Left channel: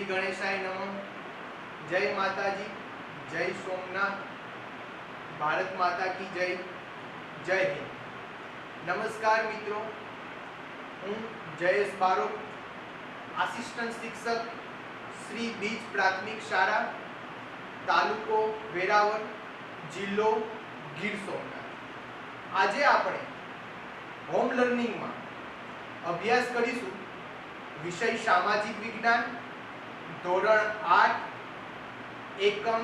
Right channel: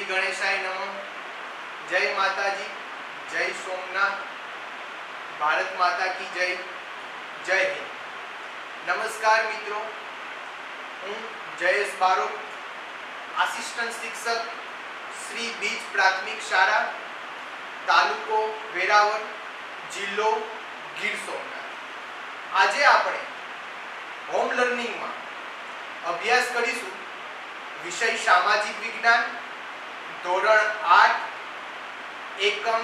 श्री गणेशाय नमः। जय माताजी, जय सोमनाथ, भारत माता की जय, जय हिंद। नमस्कार मित्रों, हूँ जयेश बारोट, आसिस्टंट शिक्षक श्री बीज प्राथमिक शाळा, तालुको वेरावल, जिल्लो गीर सोमनाथ। આજે આપણે હોમ લર્નિંગમાં અભ્યાસ કરીશું વિષય સામાજિક વિજ્ઞાન, ધોરણ 8, એકમ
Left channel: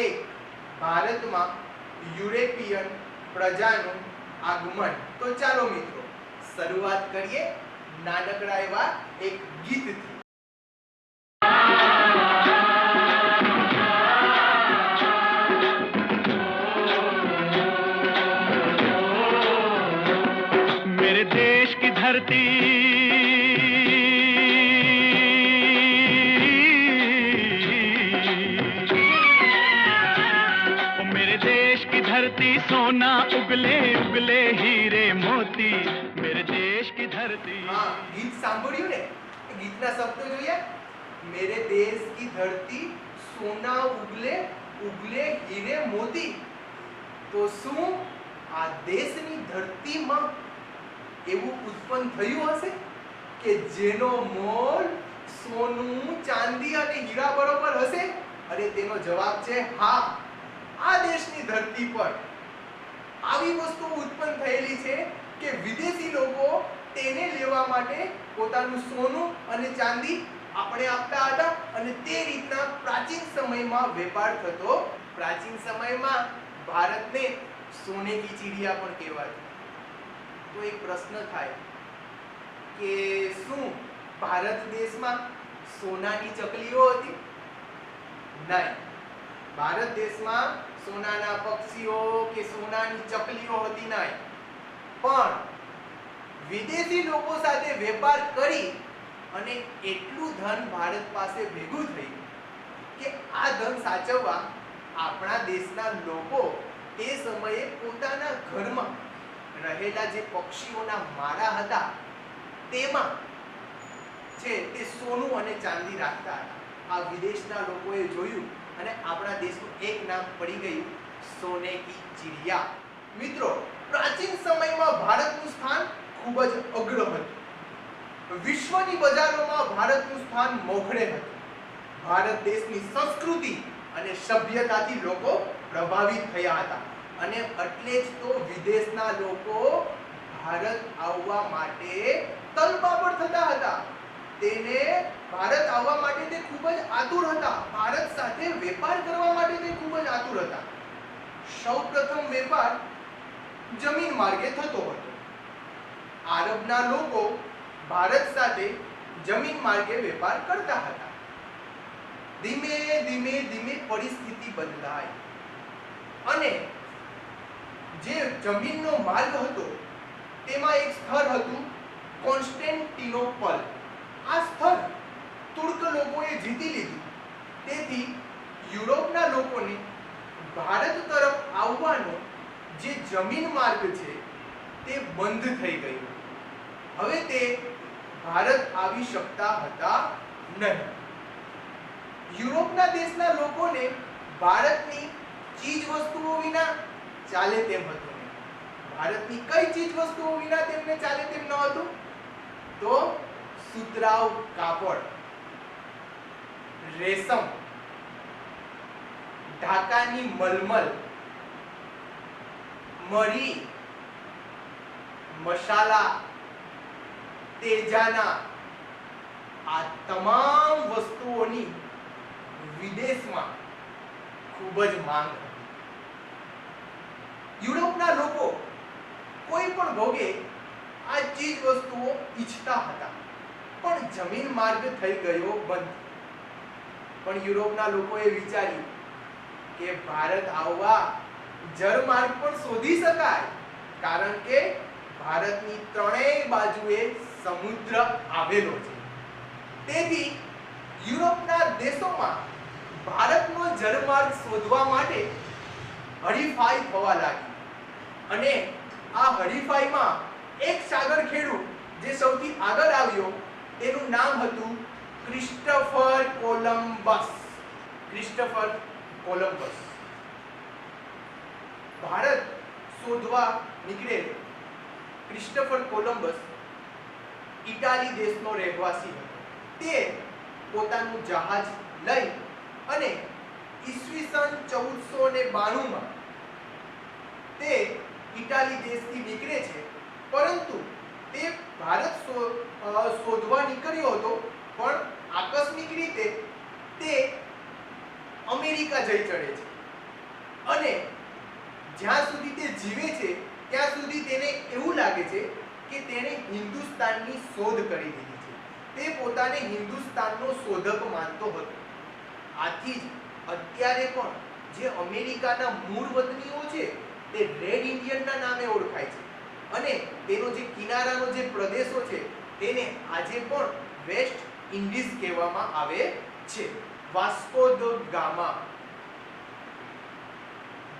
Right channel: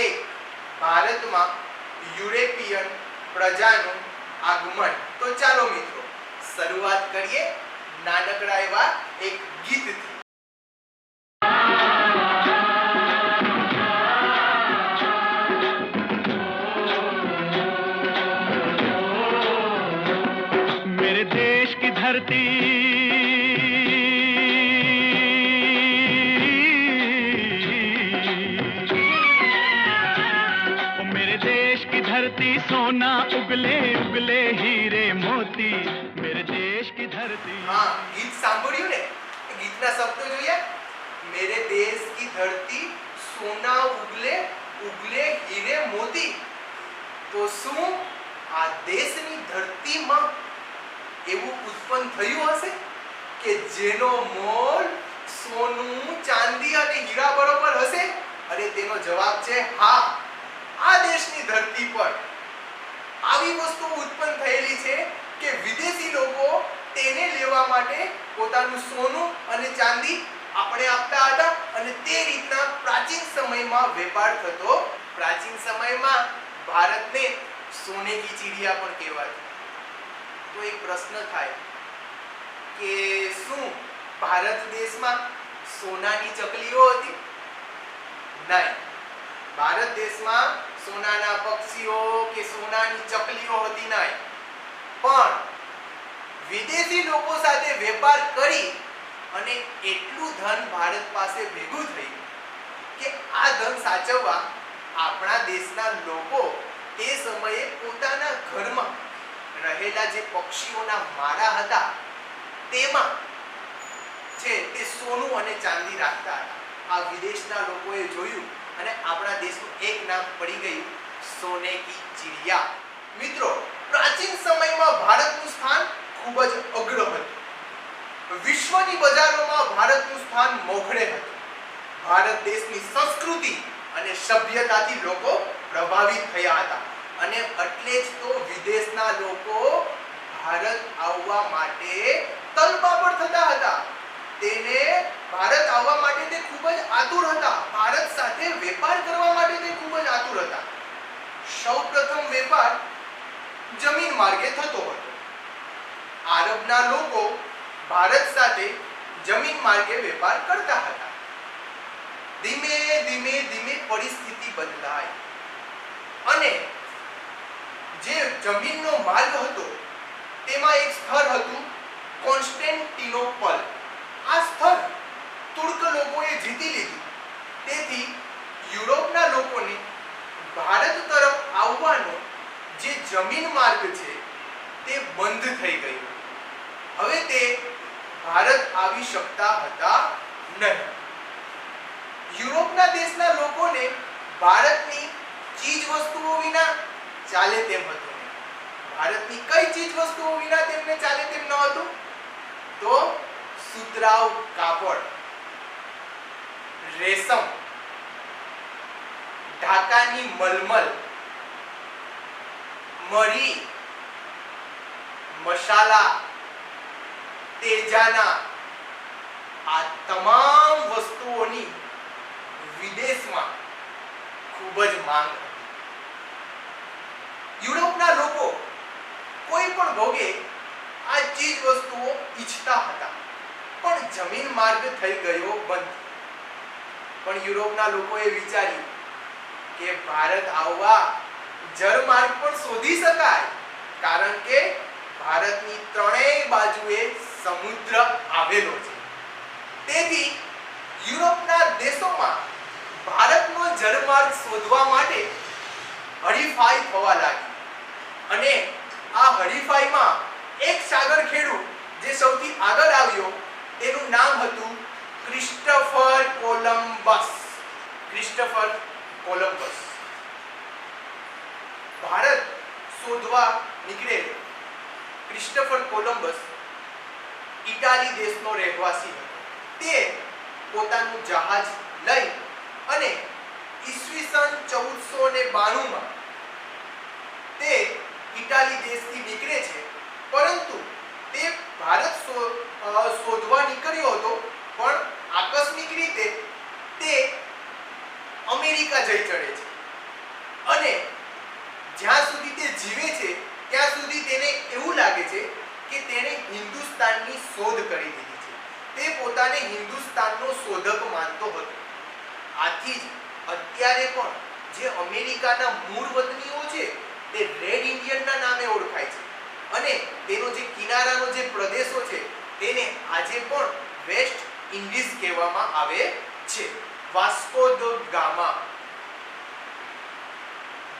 1, ભારતમાં યુરોપિયન પ્રજાનું આગમન। તો ચાલો મિત્રો શરૂઆત કરીએ નાનકડા એવા એક ગીતથી। मेरे देश की धरती मेरे देश की धरती सोना उगले उगले हीरे मोती मेरे देश की धरती। हाँ, गीत सांभळ्યું ને? ગીતના શબ્દો જોયા? मेरे देश की धरती सोना उगले उगले हीरे मोती। તો શું આ દેશની ધરતીમાં એવું ઉત્પન્ન થયું હશે કે જેનો મોલ સોનું, ચાંદી અને હીરા બરોબર હશે? અને તેનો જવાબ છે હા। આ દેશની ધરતી પર આવી વસ્તુ ઉત્પન્ન થયેલી છે કે વિદેશી લોકો તેને લેવા માટે પોતાનું સોનું અને ચાંદી આપણે આપતા હતા અને તે રીતના પ્રાચીન સમયમાં વેપાર થતો। પ્રાચીન સમયમાં ભારતને સોને की चिड़िया પણ કહેવાતી। तो एक प्रश्न थाय के શું ભારત દેશમાં સોનાની ચકલીઓ હતી? નહીં, ભારત દેશમાં સોનાના પક્ષીઓ કે સોનાની ચકલીઓ હતી નહીં, પણ વિદેશી લોકો સાથે વેપાર કરી અને એટલું ધન ભારત પાસે ભેગું થયું કે આ ધન સાચવવા આપણા દેશના લોકો તે સમયે પોતાના ઘરમાં રહેલા જે પક્ષીઓના માળા હતા તેમાં છે તે સોનું અને ચાંદી રાખતા હતા। આ વિદેશના લોકોએ જોયું અને આપણા દેશનું એક નામ પડી ગયું સોને की चिड़िया। મિત્રો, પ્રાચીન સમયમાં ભારતનું સ્થાન ખૂબ જ અગ્ર હતું। વિશ્વની બજારોમાં ભારતનું સ્થાન મોખરે હતું। ભારત દેશની સંસ્કૃતિ અને સભ્યતાથી લોકો પ્રભાવિત થયા હતા અને એટલે જ તો વિદેશના લોકો ભારત આવવા માટે તલપાપડ થતા હતા। તેને ભારત આવવા માટે તે ખૂબ જ આતુર હતા। ભારત સાથે વેપાર કરવા માટે તે ખૂબ જ આતુર હતા। સૌપ્રથમ વેપાર જમીન માર્ગે થતો હતો। આરબના લોકો ભારત સાથે જમીન માર્ગે વેપાર કરતા હતા। ધીમે ધીમે ધીમે પરિસ્થિતિ બદલાઈ અને જે જમીનનો માર્ગ હતો તેમાં એક સ્થળ હતું કોન્સ્ટેન્ટિનોપલ। આ સ્થળ તુર્ક લોકોએ જીતી લીધું। તેથી યુરોપના લોકોને ભારત તરફ આવવાનો જે જમીન માર્ગ છે તે બંધ થઈ ગયો। હવે તે ભારત આવી શકતા હતા નહીં। યુરોપના દેશના લોકોને ભારતની ચીજ વસ્તુઓ વિના ચાલે તેમ હતું નહીં। ભારતની કઈ ચીજ વસ્તુઓ વિના તેમને ચાલે તેમ ન હતું? તો સુતરાઉ કાપડ, રેશમ, ઢાકાની મલમલ, મરી, મસાલા, તેજાના, આ તમામ વસ્તુઓની વિદેશમાં ખૂબ જ માંગ હતી। યુરોપના લોકો કોઈ પણ ભોગે આ ચીજ વસ્તુઓ ઈચ્છતા હતા, પણ જમીન માર્ગ થઈ ગયો બંધ। પણ યુરોપના લોકોએ વિચાર્યું કે ભારત આવવા જળમાર્ગ પણ શોધી શકાય, કારણ કે ભારતની ત્રણેય બાજુએ સમુદ્ર આવેલો છે। તેથી યુરોપના દેશોમાં ભારતનો જળમાર્ગ શોધવા માટે હરીફાઈ થવા લાગી અને આ હરીફાઈમાં એક સાગર ખેડૂત જે સૌથી આગળ આવ્યો તેનું નામ હતું Christopher Columbus. Columbus, Christopher Columbus Bharat શોધવા નીકળેલ ક્રિસ્ટોફર કોલંબસ ઇટાલી દેશનો રહેવાસી હતો. તે પોતાનું જહાજ લઈ અને ઈસવીસન 1492 માં તે ઇટાલી દેશથી નીકળે છે, પરંતુ તે ભારત શોધવા નીકળ્યો હતો, પણ આકસ્મિક રીતે તે અમેરિકા જઈ ચડે છે અને જ્યાં સુધી તે જીવે છે ત્યાં સુધી તેને એવું લાગે છે કે તેણે હિન્દુસ્તાનની શોધ કરી દીધી છે. તે પોતાને હિન્દુસ્તાનનો શોધક માનતો હતો. આથી જ અત્યારે પણ જે અમેરિકાના મૂળ વતનીઓ છે તે રેડ ઇન્ડિયનના નામે ઓળખાય છે અને તેનો જે કિનારાનો જે પ્રદેશો છે તેને આજે પણ વેસ્ટ ઇન્ડિઝ કહેવામાં આવે છે. વાસ્કો દ ગામા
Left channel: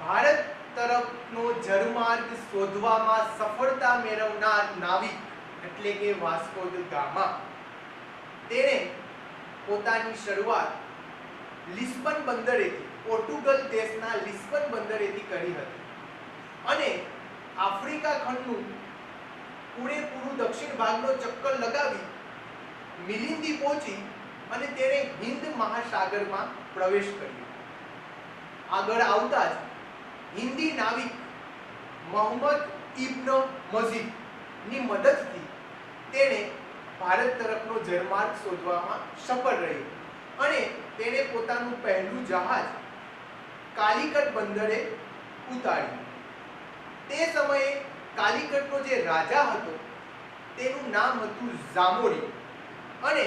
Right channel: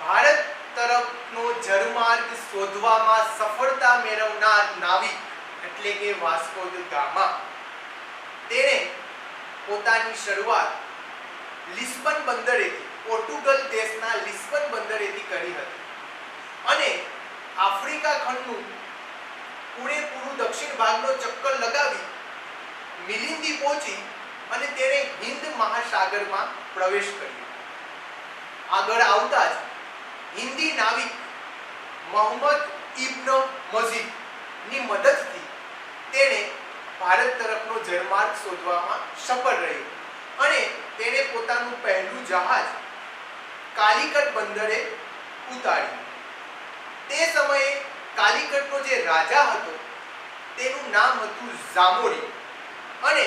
ભારત તરફનો જળમાર્ગ શોધવામાં સફળતા મેળવનાર નાવિક એટલે કે વાસ્કો દ ગામા તેણે પોતાની શરૂઆત લિસ્બન બંદરેથી, પોર્ટુગલ દેશના લિસ્બન બંદરેથી કરી હતી અને આફ્રિકા ખંડનું પૂરેપૂરું દક્ષિણ ભાગનો ચક્કર લગાવી મિલિંદી પહોંચી અને તેણે હિન્દ મહાસાગરમાં પ્રવેશ કર્યો. આગળ આવતા જ હિન્દી નાવિક મોહમ્મદ ઇબ્ન મજીદ ની મદદથી તેણે ભારત તરફનો જળમાર્ગ શોધવામાં સફળ રહ્યો અને તેણે પોતાનું પહેલું જહાજ કાલિકટ બંદરે ઉતાર્યું. તે સમયે કાલિકટનો જે રાજા હતો તેનું નામ હતું ઝામોરી અને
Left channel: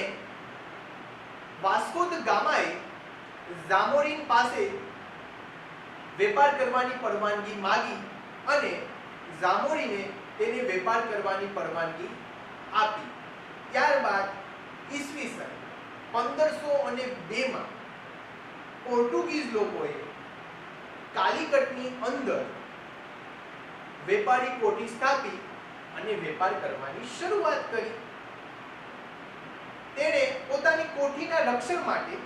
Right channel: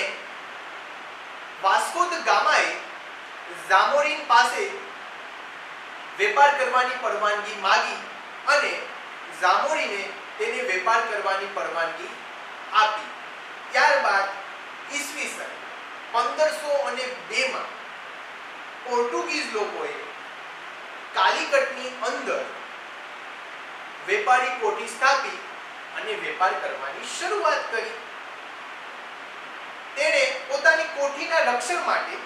વાસ્કો દ ગામાએ ઝામોરીન પાસે વેપાર કરવાની પરવાનગી માંગી અને ઝામોરીને તેને વેપાર કરવાની પરવાનગી આપી. ત્યારબાદ ઈસવીસન 1502 માં પોર્ટુગીઝ લોકોએ કાલિકટની અંદર વેપારી કોઠી સ્થાપી અને વેપાર કરવાની શરૂઆત કરી. તેણે પોતાની કોઠીના રક્ષણ માટે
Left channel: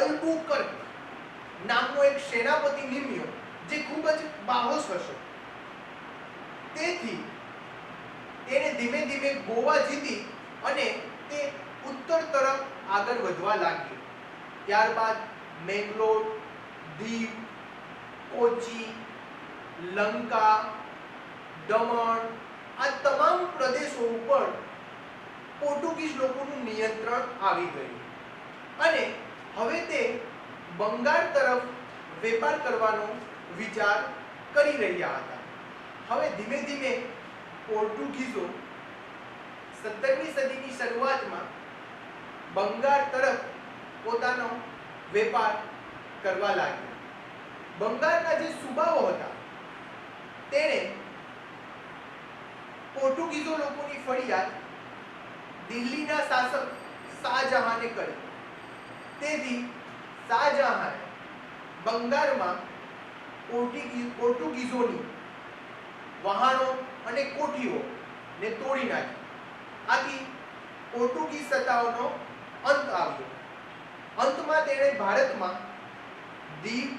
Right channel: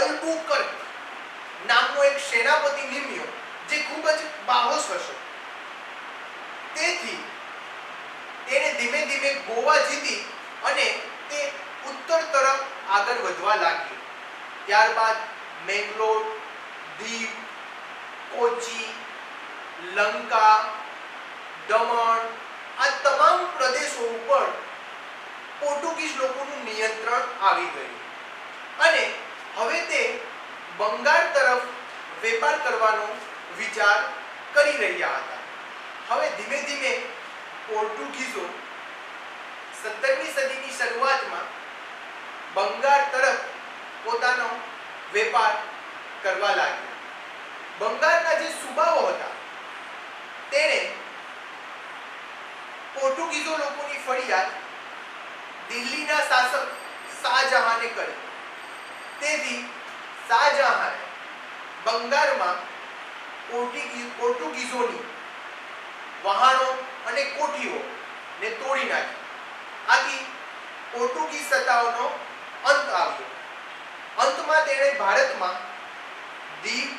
અલ્બુકર્ક નામનો એક સેનાપતિ નિમ્યો જે ખૂબ જ બાહોશ હતો. તેથી તેણે ધીમે ધીમે ગોવા જીતી અને તે ઉત્તર તરફ આગળ વધવા લાગ્યો. ત્યારબાદ મેંગલોર, દીવ, કોચી, લંકા, દમણ આ તમામ પ્રદેશો ઉપર પોર્ટુગીઝ લોકોનું નિયંત્રણ આવી ગયું અને હવે તે બંગાળ તરફ વેપાર કરવાનો વિચાર કરી રહ્યા હતા. હવે ધીમે ધીમે પોર્ટુગીઝો 17મી સદીની શરૂઆતમાં બંગાળ તરફ પોતાનો વેપાર કરવા લાગ્યા. બંગાળના જે સુબાઓ હતા તેણે પોર્ટુગીઝો લોકોની ફરિયાદ દિલ્હીના શાસક શાહજહાને કરી. તેથી શાહજહાને બંગાળમાં પોર્ટુગીઝોની વહાણો અને કોઠીઓ ને તોડી નાખી. આથી પોર્ટુગીઝ સત્તાઓનો અંત આવ્યો. અંતમાં તેણે ભારતમાં દીવ,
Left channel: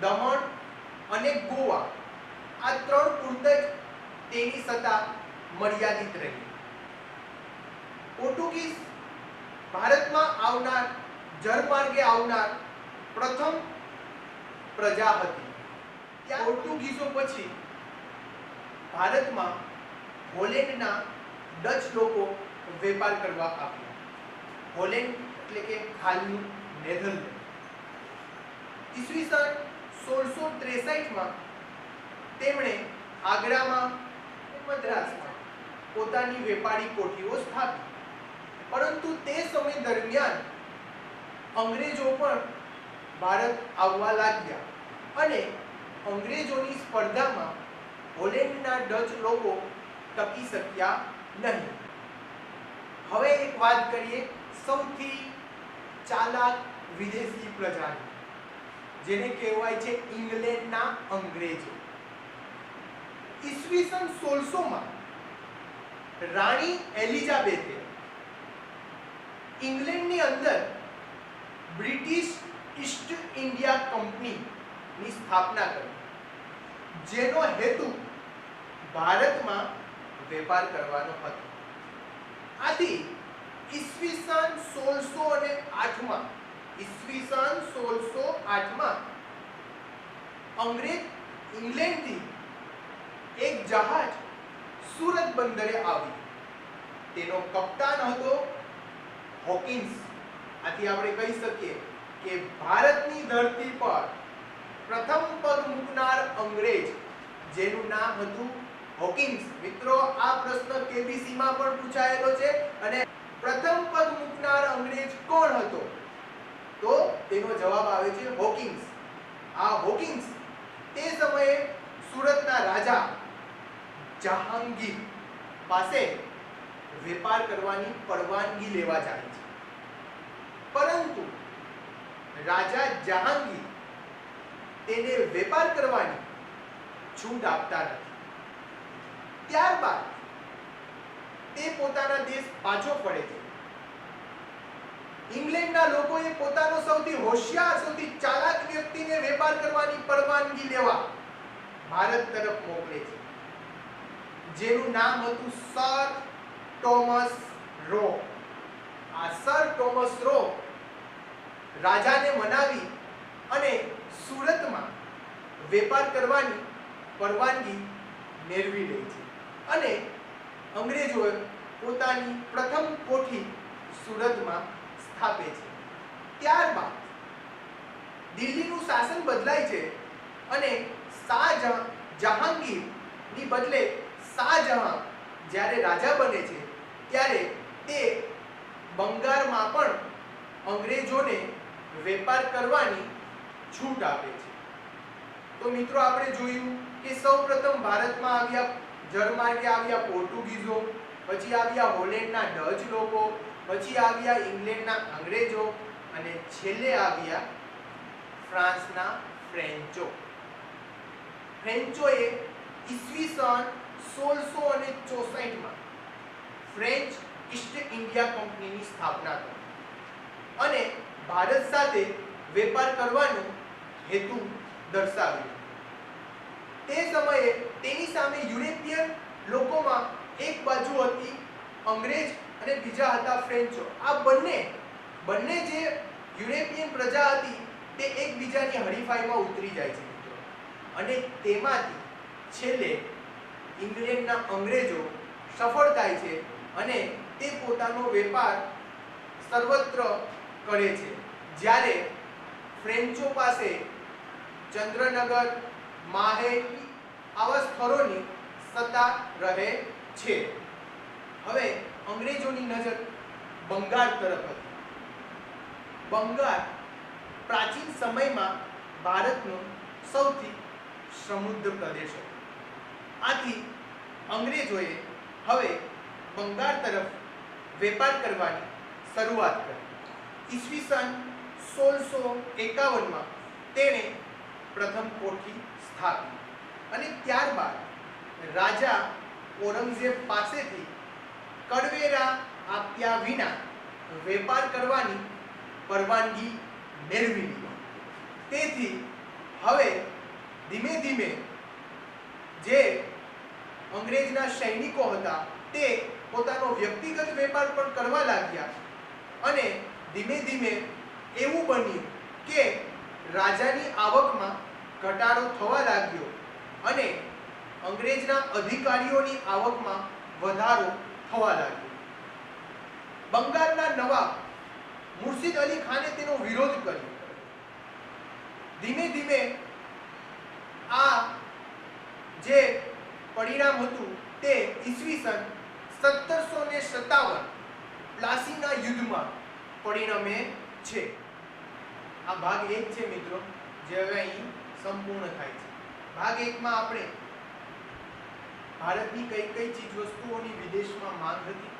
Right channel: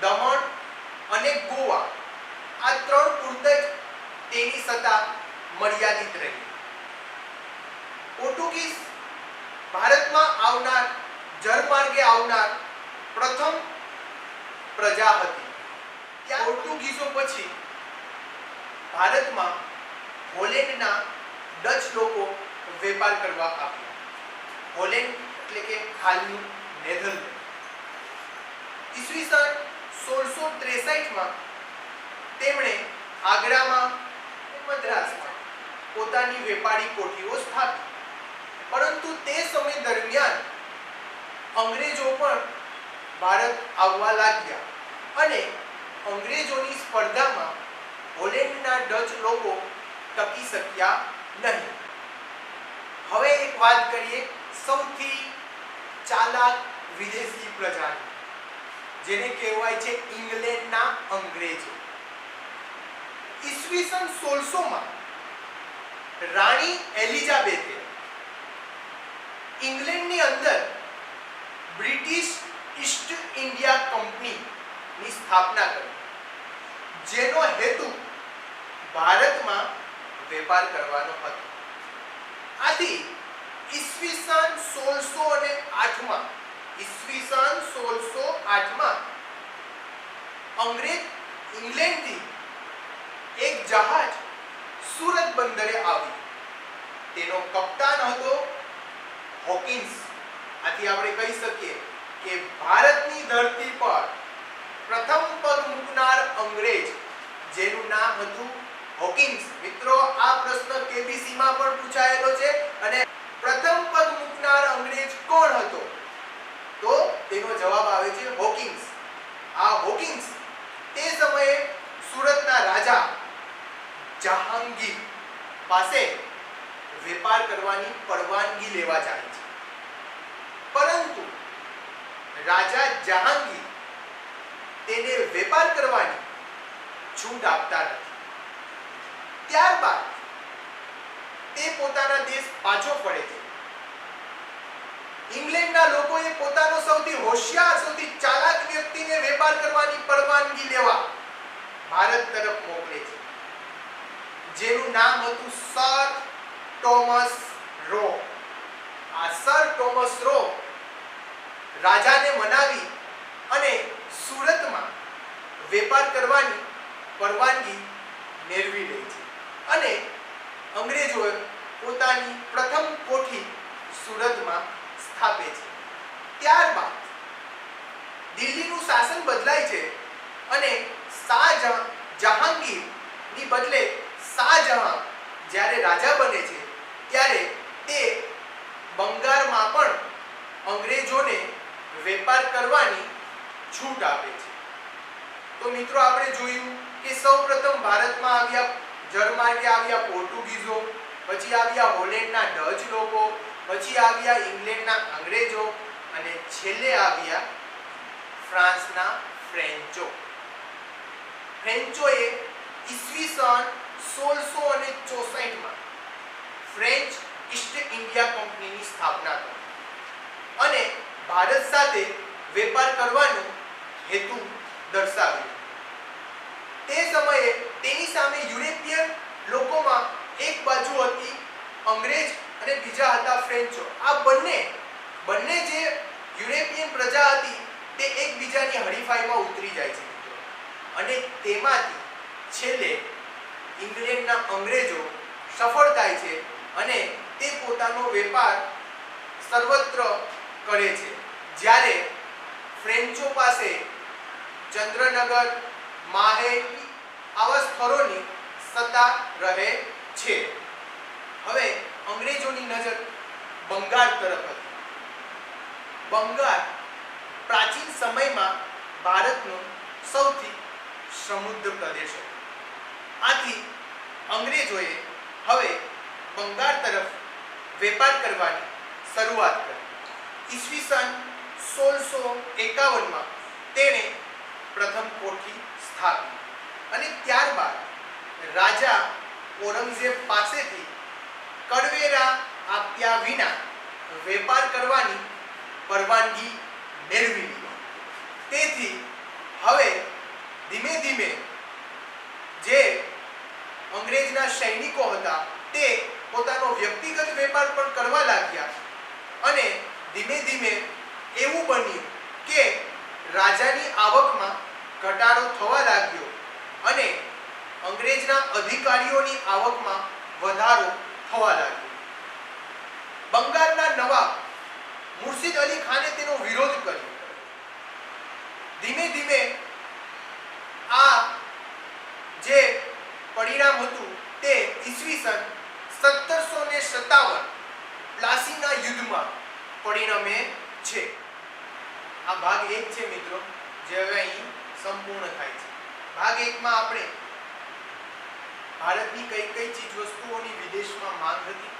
દમણ અને ગોવા આ ત્રણ પૂરત જ તેની સત્તા મર્યાદિત રહી. પોર્ટુગીઝ ભારતમાં આવનાર, જળમાર્ગે આવનાર પ્રથમ પ્રજા હતી. ત્યાં પોર્ટુગીઝો પછી ભારતમાં હોલેન્ડના ડચ લોકો વેપાર કરવા આવ્યા. હોલેન્ડ એટલે કે હાલનું નેધરલેન્ડ. ઈસવીસન 1663 માં તેમણે આગ્રામાં મદ્રાસમાં પોતાની વેપારી કોઠીઓ સ્થાપી. પરંતુ તે સમય દરમિયાન અંગ્રેજો પણ ભારત આવવા લાગ્યા અને અંગ્રેજોની સ્પર્ધામાં હોલેન્ડના ડચ લોકો ટકી શક્યા નહીં. હવે એક વાત કરીએ સૌથી ચાલાક વિદેશી પ્રજાની, જેને કહેવાય છે ઇંગ્લેન્ડના અંગ્રેજો. ઈસવીસન 1600 માં રાણી એલિઝાબેથે ઇંગ્લેન્ડની અંદર ની સ્થાપના કરી, જેનો હેતુ ભારતમાં વેપાર કરવાનો હતો. આથી ઈસવીસન 1608 માં અંગ્રેજ ઇંગ્લેન્ડથી એક જહાજ સુરત બંદરે આવ્યું. તેનો કપ્તાન હતો હોકિન્સ. આથી આપણે કહી શકીએ કે ભારતની ધરતી પર પ્રથમ પગ મૂકનાર અંગ્રેજ જેનું નામ હતું હોકિન્સ. મિત્રો, આ પ્રશ્ન કેબીસી માં પણ પૂછાયેલો છે અને પ્રથમ પગ મૂકનાર અંગ્રેજ કોણ હતો? તો તેનો જવાબ આવે છે હોકિન્સ. આ હોકિન્સ તે સમયે સુરતના રાજા જહાંગીર પાસે વેપાર કરવાની પરવાનગી લેવા જાય છે, પરંતુ રાજા જહાંગીર તેને વેપાર કરવાની છૂટ આપતા નથી. ત્યારબાદ તે પોતાના દેશ પાછો ફરે છે. ઇંગ્લેન્ડના લોકોએ પોતાનો સૌથી હોશિયાર, સૌથી ચાલાક વ્યક્તિને વેપાર કરવાની પરવાનગી લેવા ભારત તરફ મોકલે છે, જેનું નામ હતું સર ટોમસ રો. આ સર ટોમસ રો રાજાને મનાવી અને સુરતમાં વેપાર કરવાની પરવાનગી મેળવી લે છે અને અંગ્રેજોએ પોતાની પ્રથમ કોઠી સુરતમાં સ્થાપે છે. ત્યારબાદ દિલ્હીનું શાસન બદલાય છે અને જહાંગીરની બદલે શાહજહાં જ્યારે રાજા બને છે ત્યારે તે બંગાળમાં પણ અંગ્રેજોને વેપાર કરવાની છૂટ આપે છે. તો મિત્રો, આપણે જોયું કે સૌપ્રથમ ભારતમાં આવ્યા જર્મનીથી આવ્યા પોર્ટુગીઝો, પછી આવ્યા હોલેન્ડના ડચ લોકો, પછી આવ્યા ઇંગ્લેન્ડના અંગ્રેજો અને છેલ્લે આવ્યા ફ્રાન્સના ફ્રેન્ચો. ફ્રેન્ચોએ ઈસવીસન 1664 માં ફ્રેન્ચ ઈસ્ટ ઇન્ડિયા કંપનીની સ્થાપના કરી અને ભારત સાથે વેપાર કરવાનો હેતુ દર્શાવ્યો. તે સમયે તેની સામે યુરોપિયન લોકોમાં એક બાજુ હતી અંગ્રેજ અને બીજા હતા ફ્રેન્ચો. આ બંને જે યુરોપિયન પ્રજા હતી તે એકબીજાની હરીફાઈમાં ઉતરી જાય છે અને તેમાંથી છેલ્લે ઇંગ્લેન્ડના અંગ્રેજો સફળ થાય છે અને તે પોતાનો વેપાર સર્વત્ર કરે છે, જ્યારે ફ્રેન્ચો પાસે ચંદ્રનગર, માહે આવા સ્થળોની સત્તા રહે છે. હવે અંગ્રેજોની નજર બંગાળ તરફ હતી. બંગાળ પ્રાચીન સમયમાં ભારતનો સૌથી સમૃદ્ધ પ્રદેશ હતો. આથી અંગ્રેજોએ હવે બંગાળ તરફ વેપાર કરવાની શરૂઆત કરી. ઈસવીસન 1651 માં તેણે પ્રથમ કોઠી સ્થાપી અને ત્યારબાદ રાજા ઔરંગઝેબ પાસેથી કરવેરા આપ્યા વિના વેપાર કરવાની પરવાનગી મેળવી લીધી. તેથી હવે ધીમે ધીમે જે અંગ્રેજના સૈનિકો હતા તે પોતાનો વ્યક્તિગત વેપાર પણ કરવા લાગ્યા અને ધીમે ધીમે એવું બન્યું કે રાજાની આવકમાં ઘટાડો થવા લાગ્યો અને અંગ્રેજના અધિકારીઓની આવકમાં વધારો થવા લાગ્યો. બંગાળના નવાબ મુર્શિદ અલી ખાને તેનો વિરોધ કર્યો. ધીમે ધીમે આ જે પરિણામ હતું તે ઈસવીસન 1757 પ્લાસીના યુદ્ધમાં પરિણમે છે. આ ભાગ 1 છે મિત્રો, જે હવે અહીં સંપૂર્ણ થાય છે. ભાગ 1 માં આપણે ભારતની કઈ કઈ ચીજ વસ્તુઓની વિદેશમાં માંગ હતી,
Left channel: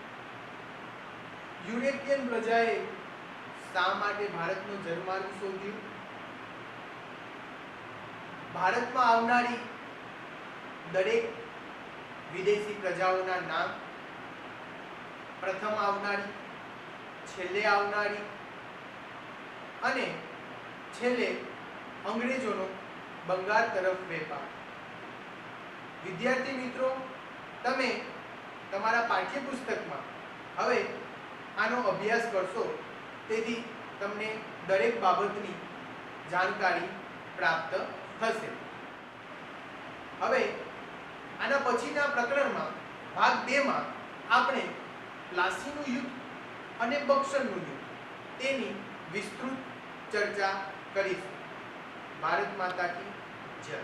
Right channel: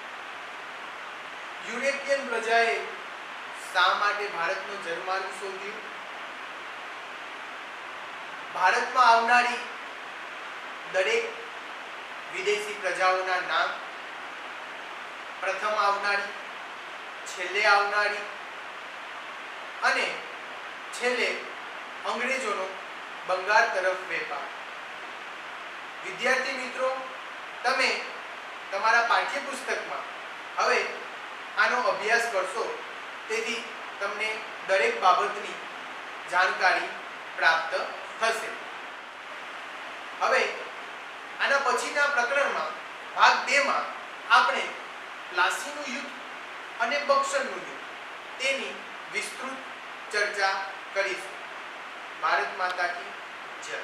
યુરોપિયન પ્રજાએ શા માટે ભારતનો જન્માર્ગ શોધ્યો, ભારતમાં આવનારી દરેક વિદેશી પ્રજાઓના નામ, પ્રથમ આવનારી, છેલ્લે આવનારી અને છેલ્લે અંગ્રેજોનો બંગાળ તરફ વેપાર. વિદ્યાર્થી મિત્રો, તમે તમારા પાઠ્યપુસ્તકમાં હવે આનો અભ્યાસ કરશો, તેથી તમને દરેક બાબતની જાણકારી પ્રાપ્ત થશે. હવે આના પછીના પ્રકરણમાં ભાગ 2 માં આપણે પ્લાસીનું યુદ્ધ અને બક્સરનું યુદ્ધ તેની વિસ્તૃત ચર્ચા કરીશું. ભારત માતા કી જય.